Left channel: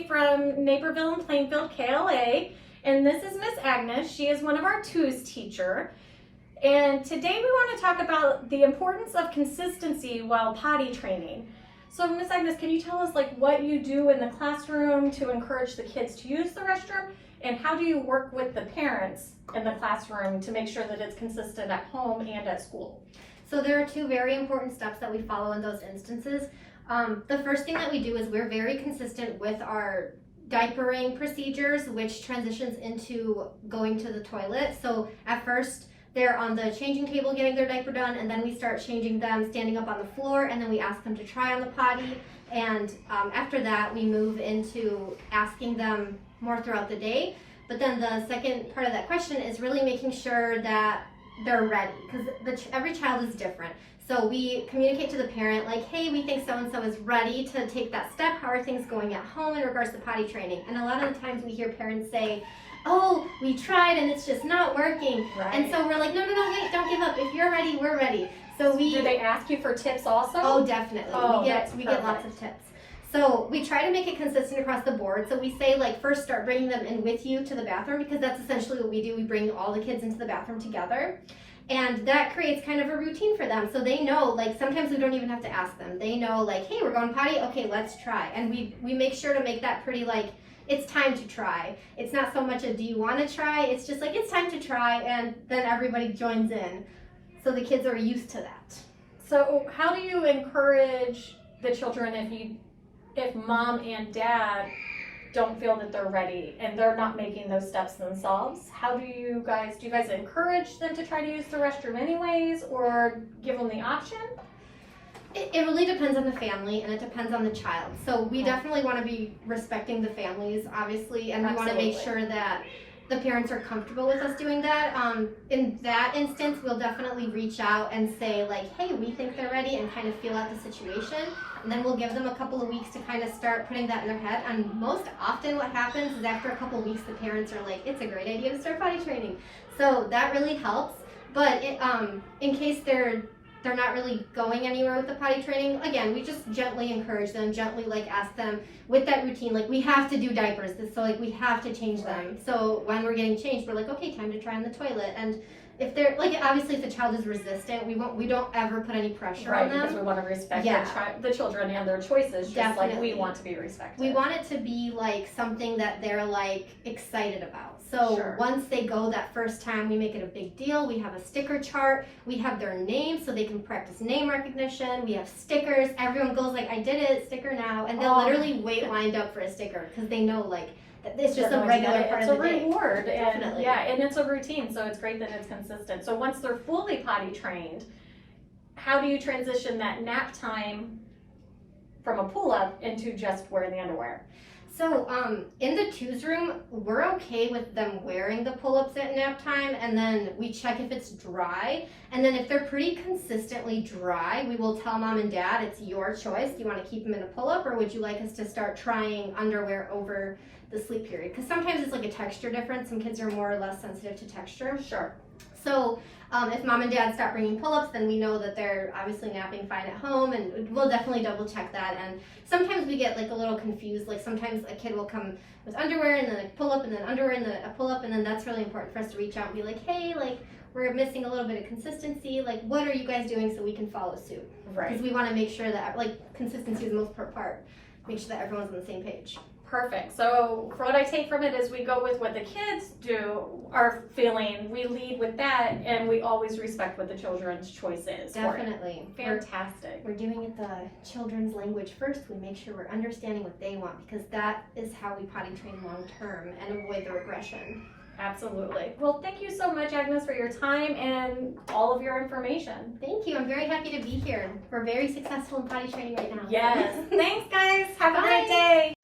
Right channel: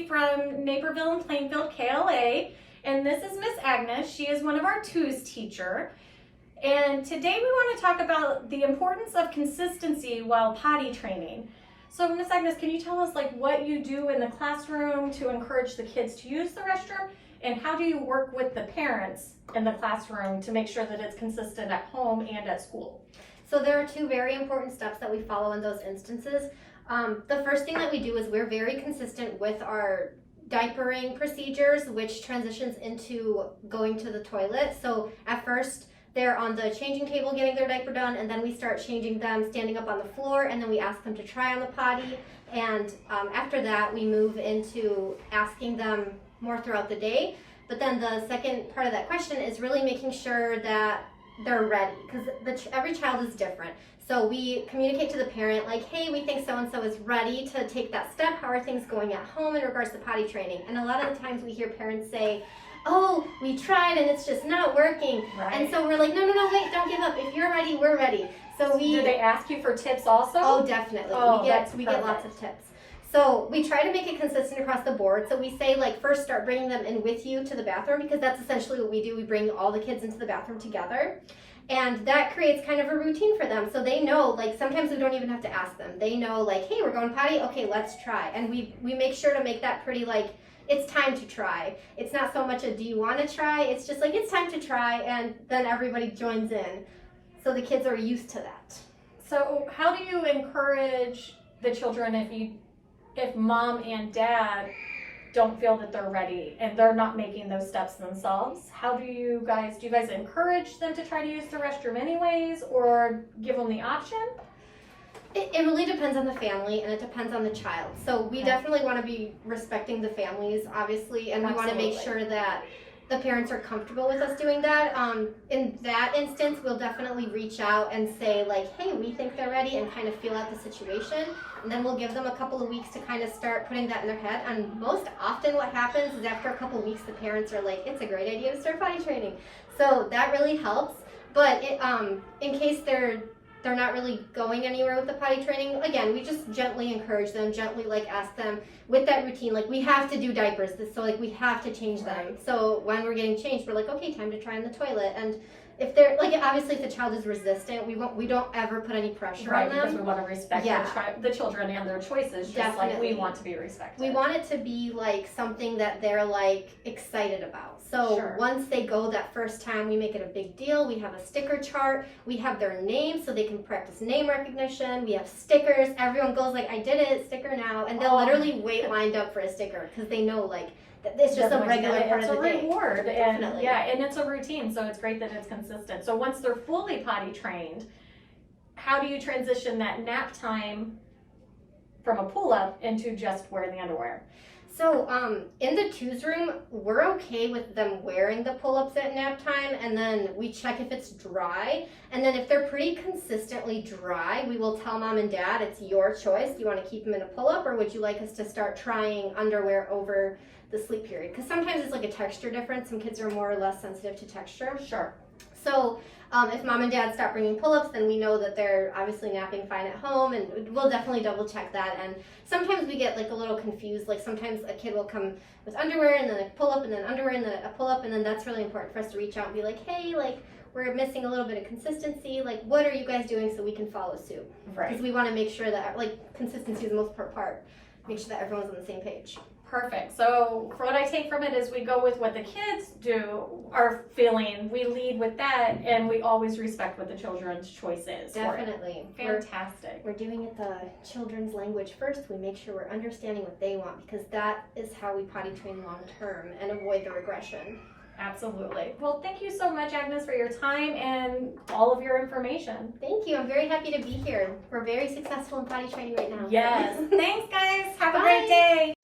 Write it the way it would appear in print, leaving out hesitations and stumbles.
Potty from Naperville and Plainfield, KLA. And this is Miss Agnes. She is one of our twos teacher. And today we want to talk about the importance of consistency while potty training. So Miss Agnes, can you tell us what you do in the classroom to encourage the kids to use the restroom? And how do you work with the parents in the classroom to make sure that it's consistent at home and at school? So there are two very important steps that we follow in those instances. The first thing that we do is we're very consistent with our diapering procedures, which transitions into going to the toilet. So at first they're on the changing table getting their diaper done, and then we start changing them standing up on the floor, and then we ask them to try on the potty. And after that we move into asking them more throughout the day. But then the second part of that question is really making sure that they're ready, because every child is different. So we communicate to the parent hey, we think so-and-so is ready to take that step. How are things going at home in regards to potty training? And a lot of the times we hear parents say, oh, we tried and it's just not working. Right. And so we're like, no, wait, don't give up. If you're ready, we're ready. So do they ask you for tips also? Oh, definitely. Oh, we get lots of tips. So we try to make it consistent across the board. So we say first start bringing them in with you to the bathroom, because that's essentially what we do. We bring all the kids into the bathroom together. And that creates kind of a routine for them. So they know, sometimes we don't even have to ask them. They know, hey, we're going potty? Okay, let's try. And we make sure to make that pretty, it's time to try. It's not so much a do you want to try? It's just it's time to try, and then everybody joins in. So the kids are used to that. So how do you encourage the children if mom and dad don't feel that they're ready and they're not making those steps themselves? How do you guys encourage them to try to use the restroom anyways, or give them the option? It really depends on the family, and it depends on the child. So we definitely want to be respecting the families, obviously, and we want to make sure that the parents are comfortable with us doing that. In that instance, we'll definitely reach out and say hey, we think they're ready, and kind of feel out the situation. And then we'll give them a couple of weeks to kind of start putting that in their head. And most often what happens is after a couple of weeks, the parents are like, it's a great idea to start potty training. So that really helps. But in case they're not really going anywhere with the potty training, again, we just gently encourage them, gently ask them with that routine, we have to do diapers, so we have to change them. So when we're getting changed, we're okay, time to try in the toilet. And if they're obviously if the child is resistant, we don't ever put any pressure on them. Because we want to respect the children and their choices, just like we want to be respected. We want it to be something that they're excited about. So once they go that first time, we make it a big deal. We have a sticker chart. We have their name so they can practice name recognition. We have stickers. Everyone goes I did it, sticker now. And they'll literally wait lined up for a sticker, because they know that it's just a regular part of the day. It's a reward. Definitely. And it's a routine, so it's great that it's consistent. So once they're fully potty trained, how do you transition that nap time from a pull-up into just wearing the underwear? So in the twos room, we're okay with them wearing the pull-ups at nap time, and then we check if it's dry. And then if they're pretty consistently dry, we will tell mom and dad, it's your choice. Do you want to keep them in a pull-up, or would you like us to start trying underwear over the sleep period? Because sometimes it's a texture difference. Some kids are more or less sensitive to texture. Sure. So if mom and dad stop bringing pull-ups, then we know that they're obviously napping fine at home, and we'll definitely double check that. And sometimes we get a little confused. Sometimes a kid will come with underwear and then a pull-up and then underwear and then a pull-up, and then that's really important for us to reach out and be hey, we're missing a little bit of consistency. What are you guys doing so we can follow suit? Right. Because we want to make sure that consistency is the most important part. Make sure that everyone's on the same page. Perfect. So for what I take from it is we go with what the kids are feeling, we lead with that, and we always respect what the children's choice is. Definitely. Fantastic. We're doing it the children's language first. We make sure we're understanding what they want, because that is how we potty train long term and avoid the regression. Absolutely. Well, thank you so much, Agnes, for your time and all of your information. Thank you. I'm very happy to be here. We're very successful in potty training right now. Yes. Thanks, guys. Have a Bye. great day.